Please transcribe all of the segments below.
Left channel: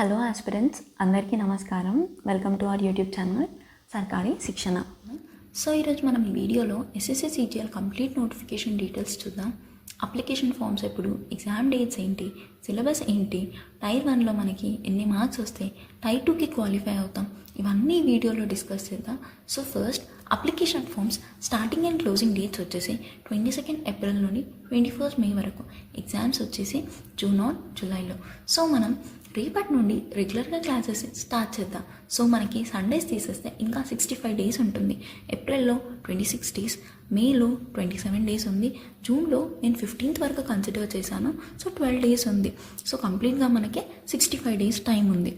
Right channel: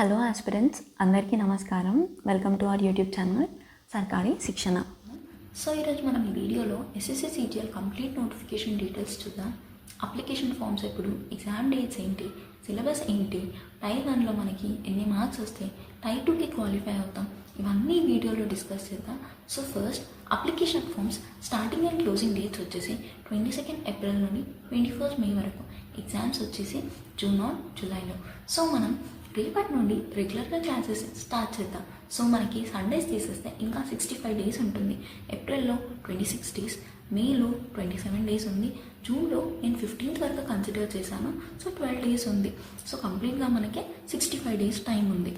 Hello aspirants, అందరికీ నమస్కారం. Welcome to our YouTube channel సర్కారీ శిక్షణ. సో ఈరోజు మనం ఈ వీడియోలో SSC CGL complete notification details చూద్దాం. అప్లికేషన్ ఫామ్స్ ఎప్పుడు, ఎగ్జామ్ డేట్స్ ఏంటి, సిలబస్ ఏంటి, టైర్ 1లో మనకి ఎన్ని మార్క్స్ వస్తాయి, టైర్ 2కి క్వాలిఫై అవుతాం, ఇవన్నీ వీడియోలో డిస్కస్ చేద్దాం. So first application forms starting and closing dates వచ్చేసి 22 ఏప్రిల్ నుండి 21 మే వరకు, ఎగ్జామ్స్ వచ్చేసి జూన్ ఆర్ జూలైలో. సో మనం రేపటి నుండి రెగ్యులర్గా క్లాసెస్ స్టార్ట్ చేద్దాం. సో మనకి సండేస్ తీసేస్తే ఇంకా 65 డేస్ ఉంటుంది. ఏప్రిల్లో 26 డేస్, మేలో 27 డేస్ ఉంది, జూన్లో నేను 15th వరకు కన్సిడర్ చేశాను. సో 12 డేస్ ఉంది. సో కంప్లీట్గా మనకి 65 డేస్ టైం ఉంది.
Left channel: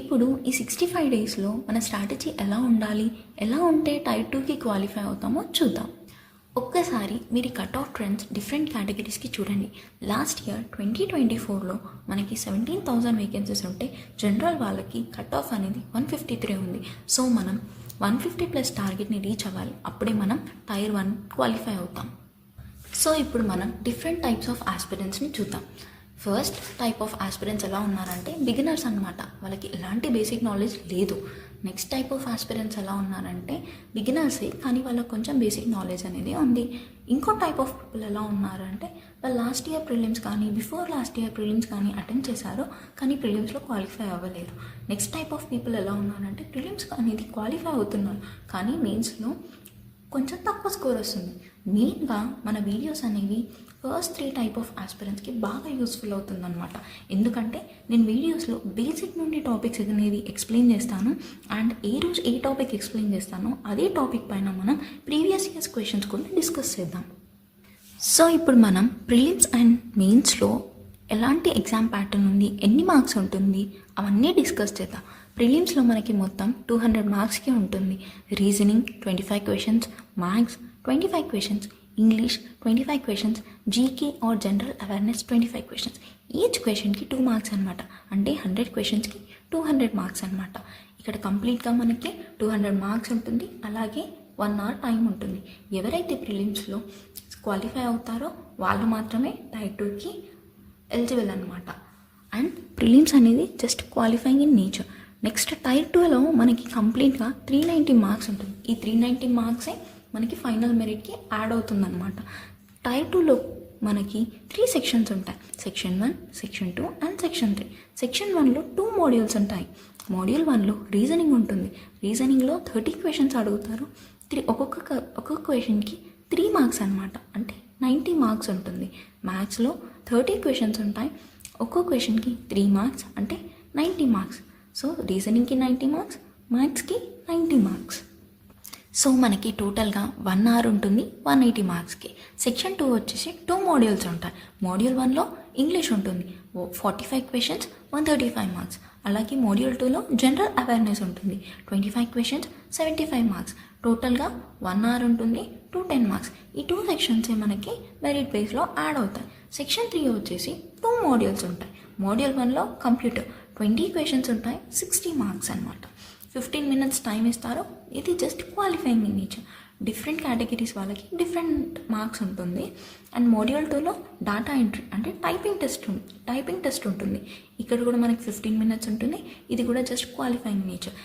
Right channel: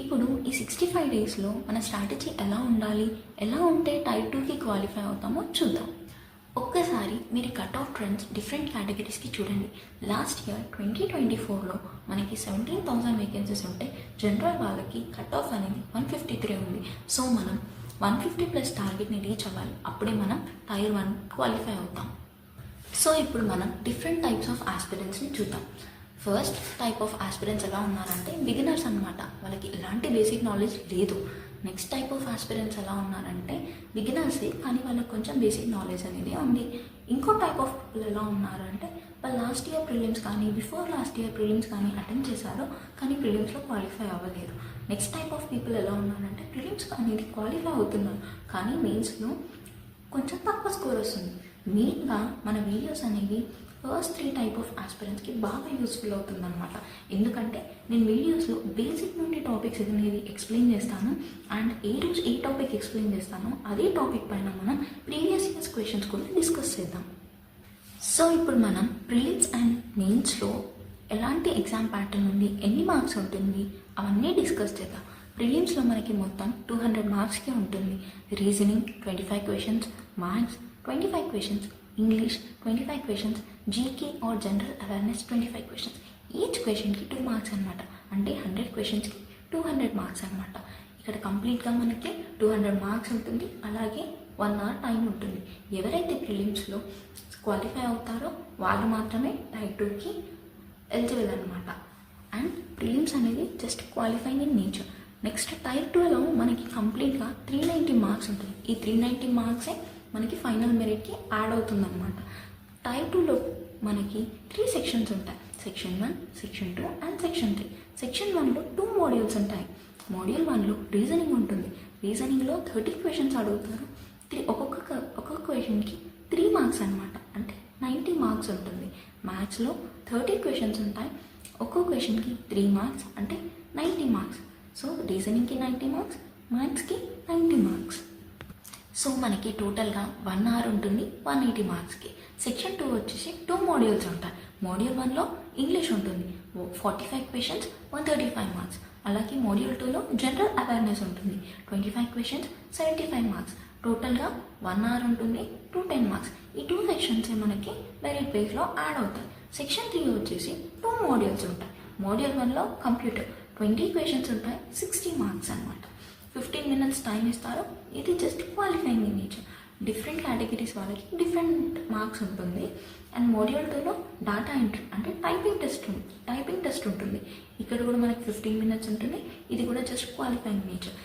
ఇప్పుడు ఈ 65 డేస్లో మన స్ట్రాటజీ ఎలా ఉండాలి, ఎలా ఉంటే టైర్ 2కి క్వాలిఫై అవుతామో చూద్దాం. ఒక్కసారి మీరు కట్ ఆఫ్ ట్రెండ్స్ డిఫరెంట్ కేటగిరీస్కి చూడండి. లాస్ట్ ఇయర్ 2024లో మనకి 17,000 వేకెన్సీస్ ఉంటే జనరల్ వాళ్ళకి కట్ ఆఫ్ అనేది 153 ఉంది. సో మనం 150+ టార్గెట్ని రీచ్ అవ్వాలి, అప్పుడే మనం టైర్ 1 క్వాలిఫై అవుతాం. సో ఇప్పుడు మనం డిఫరెంట్ టైప్స్ ఆఫ్ ఆస్పిరెంట్స్ని చూద్దాం. ఫస్ట్ టైప్ ఆఫ్ ఆస్పిరెంట్స్ ఎలా ఉన్నారంటే బిగినర్స్ అనమాట, వాళ్ళకి ఎలాంటి బేసిక్ నాలెడ్జ్ లేదు. నెక్స్ట్ టైప్ ఆఫ్ ఆస్పిరెంట్స్ ఎలా ఉన్నారంటే బిగినర్సే కానీ వాళ్ళకి కొంచెం బేసిక్ నాలెడ్జ్ అనేది ఉంది. ఇంకో టైప్ ఆఫ్ పీపుల్ ఎలా ఉన్నారంటే వాళ్ళు లాస్ట్ ఇయర్ ప్రిలిమ్స్ కానీ బిఫోర్ లాస్ట్ ఇయర్ ప్రిలిమ్స్ కానీ అటెండ్ చేశారు కానీ ప్రిలిమ్స్లో క్వాలిఫై అవ్వలేరు. నెక్స్ట్ టైప్ ఆఫ్ పీపుల్ ఎలా ఉన్నారంటే ప్రిలిమ్స్ అనేది క్వాలిఫై అవుతున్నాం కానీ మెయిన్స్లో కొంచెం తక్కువ స్కోర్ వస్తుంది. మెయిన్గా మన వీడియోస్ అనేవి ఫస్ట్ 3 టైప్ ఆఫ్ ఆస్పిరెంట్స్కి బాగా యూస్ఫుల్ అవుతుందన్నమాట. ఎందుకంటే నేను వీడియోస్లో బేసిక్ నుండి టాపిక్స్ అనేది ఎక్స్ప్లెయిన్ చేస్తాను అండ్ ఏ రోజు ఏ టాపిక్ ఎక్స్ప్లెయిన్ చేస్తానో అదే టాపిక్ పైన మనం ప్రీవియస్ ఇయర్స్ క్వశ్చన్స్ కూడా డిస్కస్ చేద్దాం. సో ఇప్పుడు మనం ప్రిలిమ్స్ అండ్ మెయిన్స్లో ఎలాంటి ఎగ్జామ్ ప్యాటర్న్ ఉంది, ఎన్ని మార్క్స్ ఉంటుంది అవన్నీ డిస్కస్ చేద్దాం. ప్రిలిమ్స్లో మనకి మొత్తం 200 మార్క్స్కి ఉంటుంది. Reasoning 25 questions, maths 25 questions, English 25 questions, GK or general awareness 25 questions. Each క్వశ్చన్కి 2 మార్క్స్ అనమాట. అంటే 100 క్వశ్చన్స్కి 200 మార్క్స్ అనమాట. ఇక్కడ కంప్లీట్గా మనకి 200 మార్క్స్ ఉంటుంది. అలాగే 1 అవర్ టైం ఉంటుంది. ఎవరైతే ప్రిలిమ్స్లో క్వాలిఫై అవుతారో వాళ్ళు మాత్రమే టైర్ 2కి ఎలిజిబుల్ అనమాట. అండ్ ప్రిలిమ్స్ అనేది just qualifying in nature. Next tier 2లో మనకి కంప్లీట్గా 390 మార్క్స్ ఉంటుంది. ఈ 390 మార్క్సే మనకి ఫైనల్ మెరిట్కి యాడ్ అవుతుందన్నమాట. టైర్ 2లో మనకి 3 సెక్షన్స్ ఉంటాయి. Section 1, section 2 and section 3. Section 1లో 2 మాడ్యూల్స్ ఉంటాయి. మాడ్యూల్ 1లో రీజనింగ్ ఉంటుంది. రీజనింగ్లో 30 క్వశ్చన్స్ అడుగుతారు. ఒక్కొక్క క్వశ్చన్కి 3 మార్క్స్ అనమాట, అంటే 90 మార్క్స్ ఉంటుంది. మ్యాథ్స్లో 30 క్వశ్చన్స్ ఉంటాయి. ఒక్కో క్వశ్చన్కి 3 మార్క్స్ అంటే 90 మార్క్స్. సో రీజనింగ్కి 90 మార్క్స్, మ్యాథ్స్కి 90 మార్క్స్. సో మనకి టోటల్గా 1 అవర్ ఉంటుంది 180 మార్క్స్కి. సెక్షన్ 2 వచ్చేసి 2 మాడ్యూల్స్ ఉంటాయి. మాడ్యూల్ 1లో ఇంగ్లీష్ ఉంటుంది, 45 క్వశ్చన్స్ 135 మార్క్స్. అలాగే మాడ్యూల్ 2లో జనరల్ అవేర్నెస్ ఉంటుంది, 25 క్వశ్చన్స్ 75 మార్క్స్. టోటల్గా 1 అవర్ ఉంటుంది 210 మార్క్స్. ఈ 2 సెక్షన్సే మనకి మెరిట్ బేస్లో యాడ్ అవుతాయి. సెక్షన్ 3 వచ్చేసి 2 మాడ్యూల్స్ ఉంటాయి. మాడ్యూల్ 1లో కంప్యూటర్ 20 క్వశ్చన్స్ ఉంటాయి, 60 మార్క్స్ అనమాట. 15 మినిట్స్ టైం ఇస్తారు. ఇది just qualifying in nature. Different categories వాళ్ళకి డిఫరెంట్ మార్క్స్ ఉంటుంది. అండ్ మాడ్యూల్ 2లో డాటా ఎంట్రీ అంటే టైపింగ్ టెస్ట్ ఉంటుంది. ఇక్కడ కూడా మనకి 15 మినిట్స్ ఉంటుంది. ఇది కూడా జస్ట్ క్వాలిఫైయింగ్ నేచర్.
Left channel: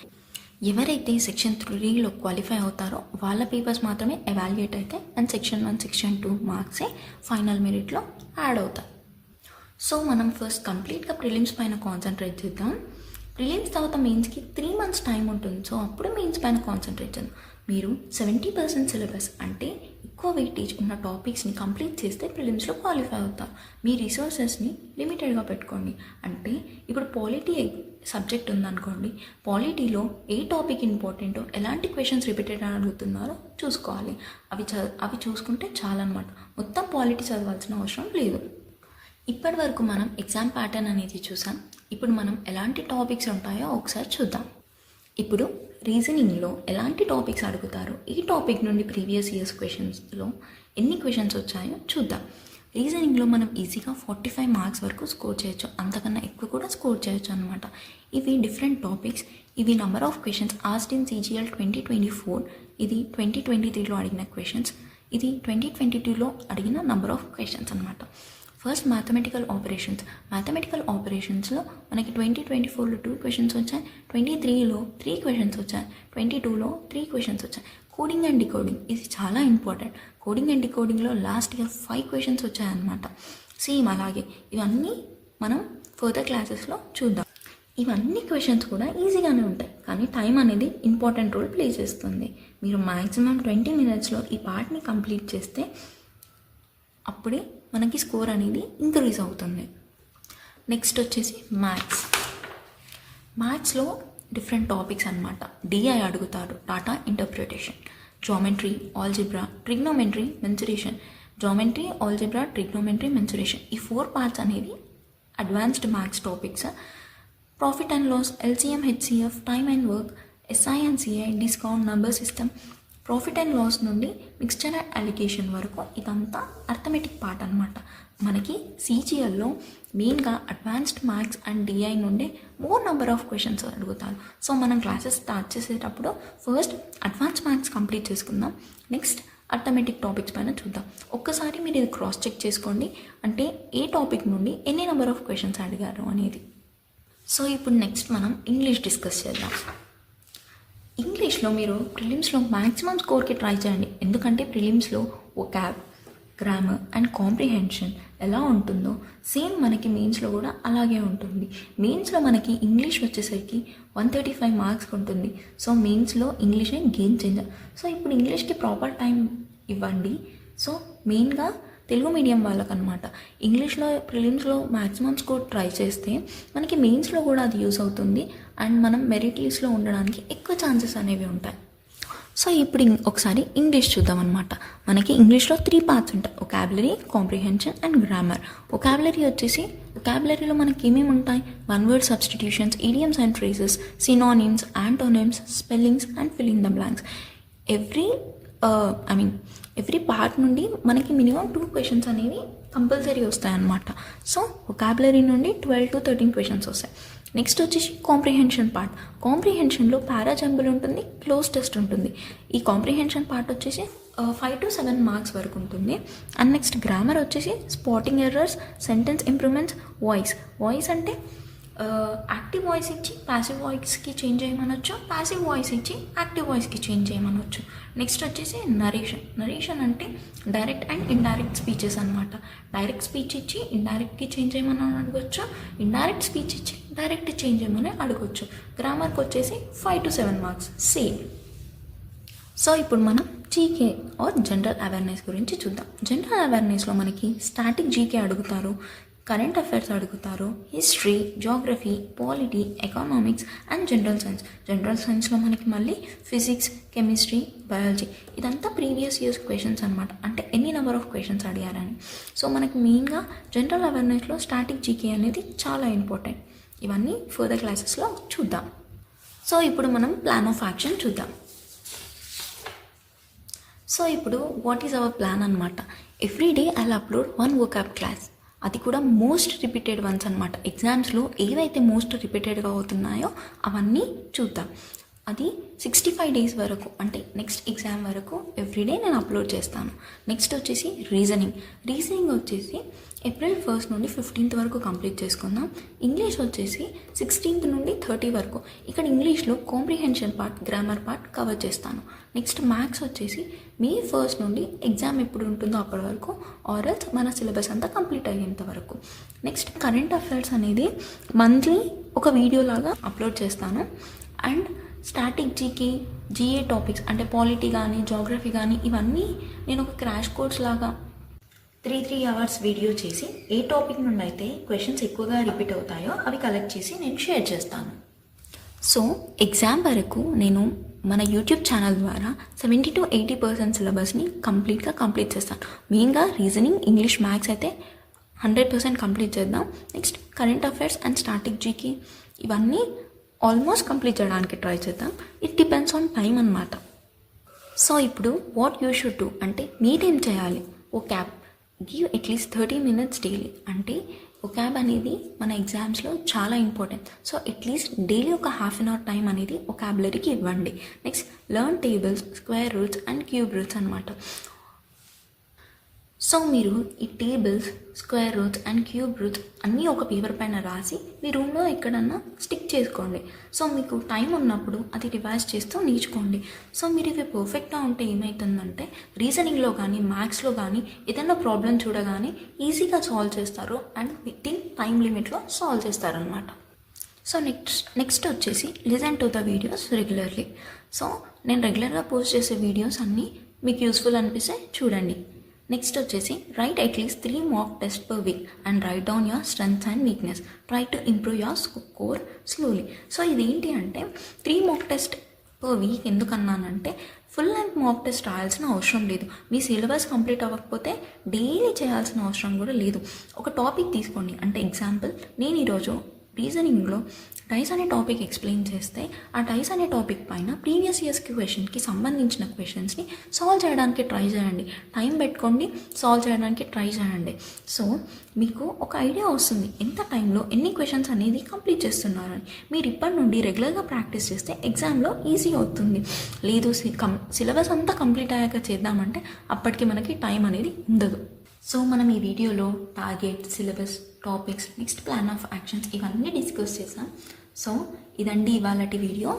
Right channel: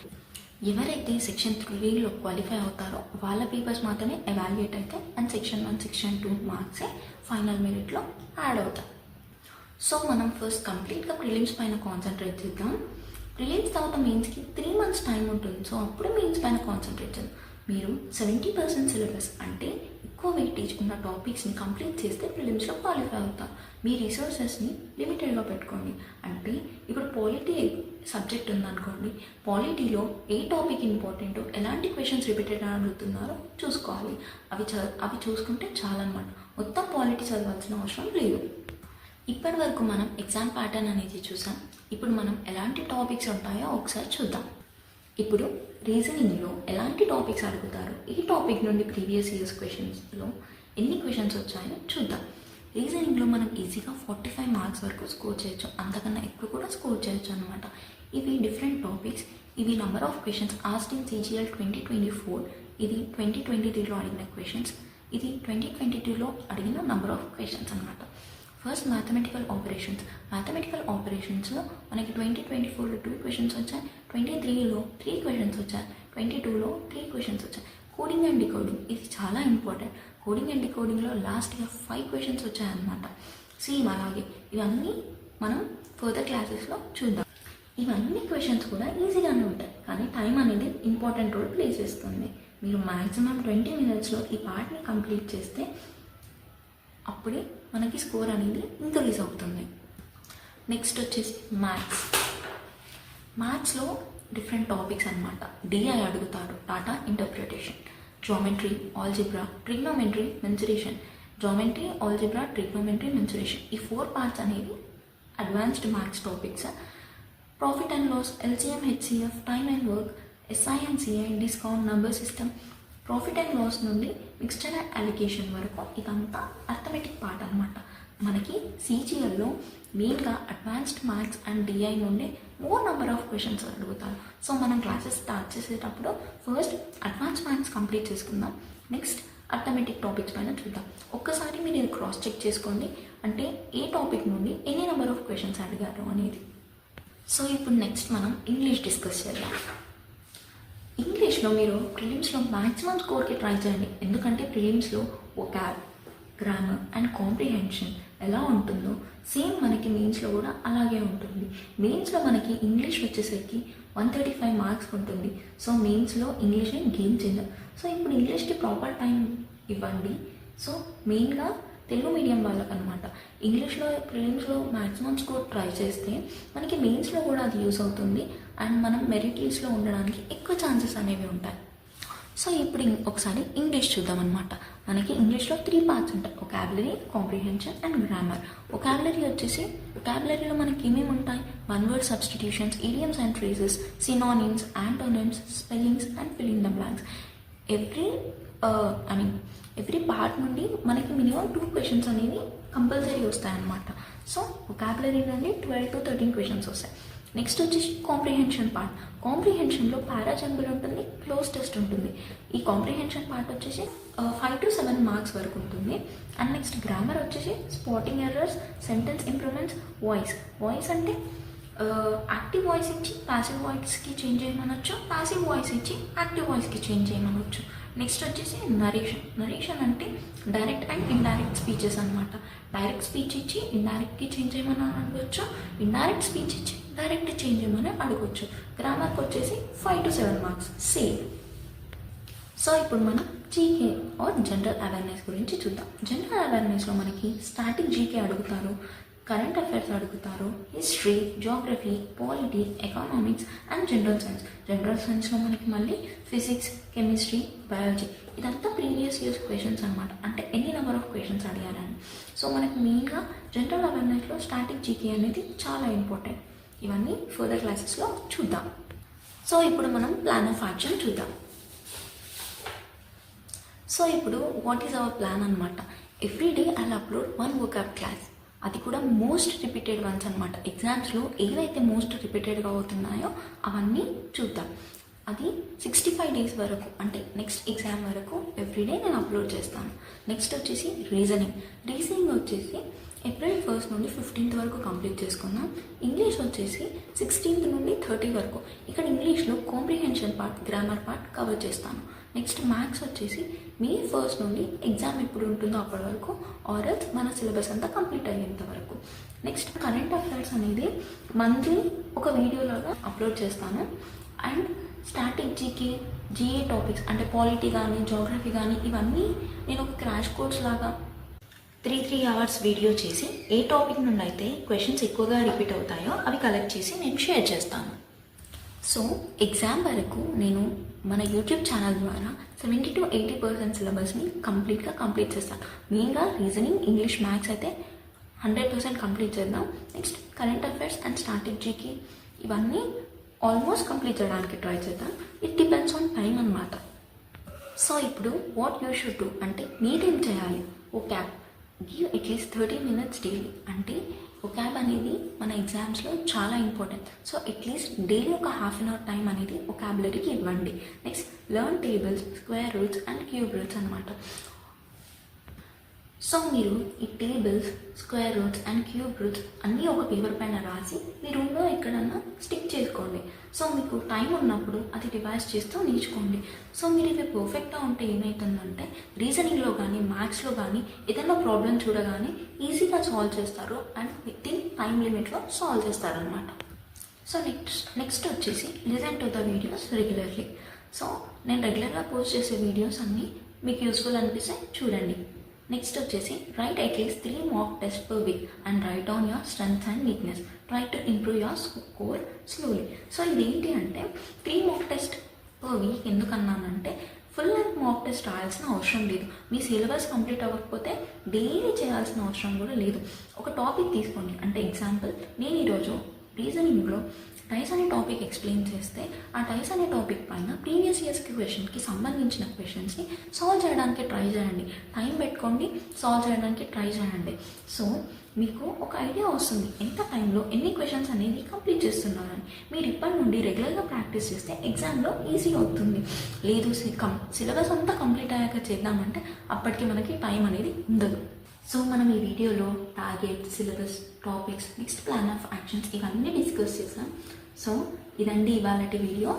ఎవరైతే సెక్షన్ 3లో క్వాలిఫై అవుతారో వాళ్ళ పేపర్స్ మాత్రమే ఎవాల్యుయేట్ అవుతాయి. అండ్ సెక్షన్ 1, సెక్షన్ 2 మార్క్సే ఫైనల్ మెరిట్లో యాడ్ అవుతాయి. సో మనం ఫస్ట్ కంప్లీట్గా ప్రిలిమ్స్ పైన కాన్సన్ట్రేట్ చేద్దాం. ప్రిలిమ్స్ తర్వాత మెయిన్స్కి 3 months టైం ఉంటుంది. సో అప్పుడు మెయిన్స్ పైన కాన్సన్ట్రేట్ చేద్దాం. మీరు 70% సిలబస్ అంటే ఎక్కువ వెయిటేజ్ ఉన్న టాపిక్స్ని కంప్లీట్ చేస్తే ప్రిలిమ్స్లో క్వాలిఫై అవుతారు. మీ రిసోర్సెస్ని లిమిటెడ్గా పెట్టుకోండి. అంటే ఇప్పుడు పాలిటీ సబ్జెక్ట్ ఉందనుకోండి, పాలిటీలో ఏ టాపిక్ ఇంపార్టెంటో, ఎలాంటి క్వశ్చన్స్ రిపీటెడ్ అడుగుతున్నారో చూసుకోవాలి. అవి చూసుకుంటే చాలన్నమాట. మొత్తం పాలిటీ చదవాల్సిన అవసరం లేదు. ఇప్పటి వరకు మనం ఎగ్జామ్ ప్యాటర్న్ అనేది చూసాం. ఇప్పుడు మనం ఎలాంటి టాపిక్స్ ఉంటాయో ఒకసారి చూద్దాం. ఇప్పుడు రీజనింగ్లో ఎలాంటి టాపిక్స్ అడుగుతారో, ఈ టాపిక్ నుండి ప్రీవియస్ ఇయర్స్ క్వశ్చన్స్లో ఎన్ని క్వశ్చన్స్ వచ్చాయో చూద్దాం. రీజనింగ్లో మనం ఈజీగా 45 మార్క్స్ వరకు స్కోర్ చేయొచ్చు, అంతకన్నా ఎక్కువ కూడా స్కోర్ చేయొచ్చు అనమాట. ఇవి డిఫరెంట్ టాపిక్స్. ఇవి number of questions asked in CGL 2024. ఇది 2023లో అడిగిన క్వశ్చన్స్. ఇది 2022లో అడిగిన నెంబర్ ఆఫ్ క్వశ్చన్స్ అనమాట. ఫస్ట్ మ్యాథమెటికల్ ఆపరేషన్స్లో మనకి 2024లో 2 క్వశ్చన్స్ వచ్చాయి, 23లో 3 క్వశ్చన్స్ వచ్చాయి, 22లో 3 క్వశ్చన్స్ వచ్చాయి. కోడింగ్ అండ్ డికోడింగ్ ఇది చాలా ఇంపార్టెంట్. కోడింగ్ అండ్ డికోడింగ్లో లాస్ట్గా 5 క్వశ్చన్స్ వచ్చాయన్నమాట. సేమ్ అలాగే ఇవన్నీ మనం ఫర్దర్ క్లాసెస్లో చూద్దాం. ఇవన్నీ క్వశ్చన్స్ కూడా ఈజీగానే ఉంటాయి, కానీ టైం అనేది ఇంపార్టెంట్ రోల్ ప్లే చేస్తుంది. మీరు మ్యాక్సిమం 20 మినిట్స్లో ఈ పార్ట్ని కంప్లీట్ చేస్తే అప్పుడే మనకి స్కోర్ అనేది ఇంక్రీజ్ అవుతుంది. నెక్స్ట్ వచ్చేసి మ్యాథ్స్లో డిఫరెంట్ టాపిక్స్ అనమాట. డిఐ అడుగుతారు, data interpretation, geometry, algebra, trigonometry, mensuration. ఈ 4 పార్ట్స్ అనేవి advanced maths topics. Profit and loss, LCM, HCF, time and work, SI and CI, discount, number system, profit and loss నుండి mixture and alligation వరకు ఇదంతా arithmetic part అనమాట. మనకి సిజిఎల్లో మెయిన్గా advanced maths and DI నుండి మోర్ నెంబర్ ఆఫ్ క్వశ్చన్స్ అడుగుతారు. So మనం క్లాసెస్ స్టార్ట్ చేసేటప్పుడు ఫస్ట్ అడ్వాన్స్ మ్యాథ్స్ కంప్లీట్ చేసుకుందాం, నెక్స్ట్ అర్థమెటిక్ టాపిక్స్ పైన చూద్దాం. ఒక్కసారి మీరు ఇది క్రాస్ చెక్ చేసుకోండి, అంటే ఏ టాపిక్ నుండి ఎన్ని నెంబర్ ఆఫ్ క్వశ్చన్స్ అడిగారు అనేది. సో ఇప్పుడు నెక్స్ట్ మనం ఇంగ్లీష్ డిస్కస్ చేద్దాం. ఇంగ్లీష్లో మీరు ప్రిలిమ్స్లో మ్యాక్సిమం స్కోర్కి ట్రై చేయండి, ఎందుకంటే ప్రిలిమ్స్లో వొకాబ్, గ్రామర్ అండ్ కాంప్రిహెన్షన్ ఎలా ఉంటుందో సేమ్ మనకి మెయిన్స్లో కూడా అలాగే ఉంటుంది. మెయిన్స్లో మనకి ఇంగ్లీష్ వచ్చేసరికి 135 మార్క్స్ ఉంటుంది. సో మెయిన్స్లో ఇంగ్లీషే గేమ్ చేంజర్. సో ఇప్పుడు ఇంగ్లీష్కి ప్రాపర్ టైం ఇవ్వండి. సో మెయిన్గా తెలుగు మీడియం వాళ్ళకనమాట. ఇంగ్లీష్లో ప్రిలిమ్స్లో మ్యాక్సిమం స్కోర్ ట్రై చేస్తే మనకి మెయిన్స్లో కూడా అది యూస్ అవుతుంది అండ్ మనం మెరిట్ లిస్ట్లో ఉండడానికి ఎక్కువ ఛాన్సెస్ అనేవి ఉంటాయి. సో ఇప్పుడు ఒకసారి ఇంగ్లీష్ చూద్దాం అనమాట. మనకి ఇంగ్లీష్లో 3 పార్ట్స్ ఉంటాయి, వొకాబులరీ, కాంప్రిహెన్షన్ అండ్ గ్రామర్. వొకాబులరీలో మనకి ఏమేమి ఉంటాయి? 1 word substitutions, idioms and phrases, synonyms, antonyms, spellings and filling the blanks. Every part నుండి మనకి మినిమం 2 క్వశ్చన్స్ అనేవి కంపల్సరీ వస్తాయన్నమాట. సో వొకాబులరీ నుండి 12 to 13 క్వశ్చన్స్ వస్తాయి. నెక్స్ట్ వచ్చేసి కాంప్రిహెన్షన్ పార్ట్. కాంప్రిహెన్షన్లో పారాజంబుల్ ఉంటుంది, క్లోజ్ టెస్ట్ ఉంటుంది. ఈ కాంప్రిహెన్షన్ పార్ట్ వచ్చేసి 5 to 7 మార్క్స్ వరకు ఉంటుంది. అండ్ నెక్స్ట్ గ్రామర్ వచ్చేసి spotting errors, sentence improvements, voice అంటే యాక్టివ్ వాయిస్ ఇచ్చి ప్యాసివ్ వాయిస్కి చేంజ్ చేయమనొచ్చు, ప్యాసివ్ వాయిస్ ఇచ్చి యాక్టివ్ వాయిస్కి చేంజ్ చేయమనొచ్చు. నెక్స్ట్ వచ్చేసి నరేషన్ అంటే డైరెక్ట్ అండ్ ఇండైరెక్ట్ స్పీచెస్ అనమాట. డైరెక్ట్ స్పీచ్ ఇచ్చి ఇండైరెక్ట్కి చేంజ్ చేయమని అడగవచ్చు, ఇండైరెక్ట్ స్పీచ్ ఇచ్చి డైరెక్ట్ చేంజ్ చేయమని అడగవచ్చు. గ్రామర్కి వచ్చేసి 5 to 7 మార్క్స్ సేమ్. సో ఇప్పుడు మనం జీకే ఆర్ జనరల్ అవేర్నెస్ గురించి చూద్దాం. జనరల్ అవేర్నెస్లో మనకి స్టాటిక్ జీకే అడుగుతారు, కరెంట్ అఫైర్స్ అడుగుతారు, history, geography, polity, economics and general science. General సైన్స్లో మనకి మళ్ళీ ఫిజిక్స్, కెమిస్ట్రీ, బయాలజీ ఇదంతా ప్రీవియస్ ఇయర్స్ క్వశ్చన్స్ అనమాట, అంటే ఎన్ని నెంబర్ ఆఫ్ క్వశ్చన్స్ అడిగారని. సో మనకి మెయిన్గా జనరల్ అవేర్నెస్లో స్టాటిక్ జీకే అనేది చాలా ఇంపార్టెంట్. ఇవన్నీ ఫర్దర్ క్లాసెస్లో చూద్దాం. సో ఇప్పుడు మనం ప్లాన్ ఆఫ్ యాక్షన్ చూద్దాం. సో ఇప్పుడు వాట్ ఈజ్ అవర్ ప్లాన్ అనమాట. Every day I upload 1 vocab class, అది కూడా మోస్ట్ రిపీటెడ్ వన్స్ అనమాట. ఎగ్జామ్స్లో ఏవైతే మోస్ట్ రిపీటెడ్గా అవుతున్నాయో అవన్నీ చూద్దాం. అది 65 days వరకు, అంటే నెక్స్ట్ ఎగ్జామ్ వరకు ఎవ్రీడే నేను అప్లోడ్ చేస్తాను. నెక్స్ట్ వచ్చేసి రీజనింగ్ వచ్చేసి April 1st నుండి 15th వరకు కంప్లీట్ చేసుకుందాం. ఇంగ్లీష్ వచ్చేసి 16th నుండి 30 వరకు. ఇక్కడ ఇంగ్లీష్లో comprehension part, grammar part cover చేస్తాను. నెక్స్ట్ మ్యాథ్స్ వచ్చేసి May 1st నుండి ఎగ్జామ్ ఎప్పుడు ఉంటుందో అప్పటి వరకు, ఆర్ఎల్స్ మన సిలబస్ అంతా కంప్లీట్ అయ్యేంత వరకు. నెక్స్ట్ కరెంట్ అఫైర్స్ అనేది మంత్లీ ఒక వీడియో లాగా అప్లోడ్ చేస్తాను. And static GK, GA topics అంటే పాలిటీ కానీ జాగ్రఫీ కానీ ఇవన్నీ నేను ఒక క్రాష్ కోర్స్ లాగా 3 hours వీడియో చేసి ఏ టాపిక్ నుండి అయితే క్వశ్చన్స్ ఎక్కువగా రిపీట్ అవుతాయో అవి కలెక్ట్ చేసి నేను షేర్ చేస్తాను. సో ఎగ్జామ్ వరకు నేను మన యూట్యూబ్ ఛానల్ ద్వారా 70 to 80% సిలబస్ని కంప్లీట్ చేస్తాను. మెయిన్గా రీజనింగ్, ఇంగ్లీష్, మ్యాథ్స్ అయితే 100% కంప్లీట్ చేద్దాం. Next current affairs and static GK ఇవన్నీ ఆల్మోస్ట్ కంప్లీట్ చేయడానికి ట్రై చేద్దాం. ఇట్ డిపెండ్స్ ఆన్ టైం అన్నమాట. సో ఇప్పుడు వాట్ యూ షుడ్ డూ అంటే మీరేం చేయాలి? Vocab give at least 30 minutes daily. అంటే వొకాబ్ అనేది మన ఎగ్జామ్స్లో చాలా ఇంపార్టెంట్. సో అట్లీస్ట్ డైలీ ఒక ½ an hour టైం అనేది వొకాబులరీకి ఇవ్వండి. Next learn tables, square roots and cube roots అనమాట. సో మీరు ఈ tables, square roots and cube roots అన్నీ ఒక పేపర్ పైన రాసి మీ రూమ్లో ఎక్కడన్నా స్టిక్ చేసుకోండి. సో మీకు టైం ఉన్నప్పుడు అది రివైజ్ చేస్తూ నేర్చుకోండి. సో మీరు ఇవి పర్ఫెక్ట్గా ఉంటే ఏమవుతుందంటే రీజనింగ్లో కానీ మ్యాథ్స్లో కానీ ఏదైనా ప్రాబ్లం చూడగానే ఈజీగా సాల్వ్ చేస్తారు అండ్ విత్ ఇన్ టైం లిమిట్లో సాల్వ్ చేస్తారనమాట. సో నెక్స్ట్ వచ్చేసి listen to the videos regularly. So నేను రెగ్యులర్గా పోస్ట్ చేసే వీడియోస్ అన్నీ మీకు యూస్ఫుల్ అనిపిస్తే చూడండి. నెక్స్ట్ వచ్చేసి right at least 3 mock tests per week and write down your strengths and weakness. Try to improve your score slowly. So ఇదేంటి అంటే 3 mock test per week ఎందుకన్నానంటే ఫుల్ లెంత్ మాక్ టెస్ట్ రాయాల్సిన అవసరం లేదు. మీ సిలబస్ కంప్లీట్ అవ్వకపోతే daily చేయాల్సిన అవసరం కూడా లేదు. ఒక టాపిక్ తీసుకోండి. అంటే ఎగ్జాంపుల్ నేను ఈరోజు రీజనింగ్లో డైస్ అనే టాపిక్ ఎక్స్ప్లెయిన్ చేస్తే ఆ డైస్ అనే టాపిక్ పైన ప్రీవియస్ ఇయర్స్ క్వశ్చన్కి సంబంధించిన క్వశ్చన్స్ని సాల్వ్ చేయడానికి ట్రై చేయండి. టైం పెట్టుకోండి, సాల్వ్ చేయడానికి ట్రై చేయండి. సో మీకు ఒక ఐడియా వస్తుంది ఎంత టైంలో ఎన్ని క్వశ్చన్స్ అనేది కంప్లీట్ చేస్తున్నారని. మీరు ఇప్పటి నుండి రెగ్యులర్గా ప్రాక్టీస్ చేస్తే ఎగ్జామ్లో ఈజీ అవుతుంది. లేదు సిలబస్ అంతా కంప్లీట్ అయ్యాక చేద్దామంటే అప్పటికి మనకి టైం అనేది ఉండదు. సో మనం ఈ వీడియోలో target, syllabus, topics, next plan of actions ఇవన్నీ డిస్కస్ చేసాం. సో ఇదండి ఇవాళటి వీడియో.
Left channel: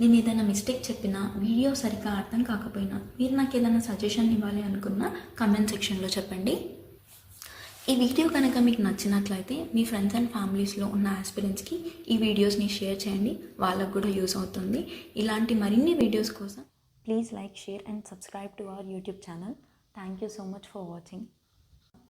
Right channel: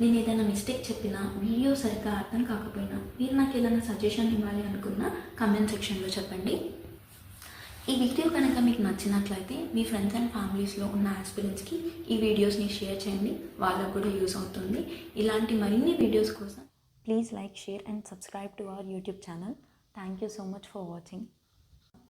నేను ఏదైనా మిస్టేక్ చెప్పినా, వీడియో సరిగ్గా అర్థం కాకపోయినా, మీరు నాకు ఏదైనా సజెషన్ ఇవ్వాలి అనుకున్నా కమెంట్ సెక్షన్లో చెప్పండి. ఈ వీడియో కనుక మీకు నచ్చినట్లయితే మీ ఫ్రెండ్స్ అండ్ ఫ్యామిలీస్లో ఉన్న ఆస్పిరెంట్స్కి ఈ వీడియోస్ని షేర్ చేయండి. వాళ్ళకు కూడా యూస్ అవుతుంది. ఇలాంటి మరిన్ని వీడియోస్ కోసం Please like, share and subscribe to our YouTube channel. Thank you so much for watching.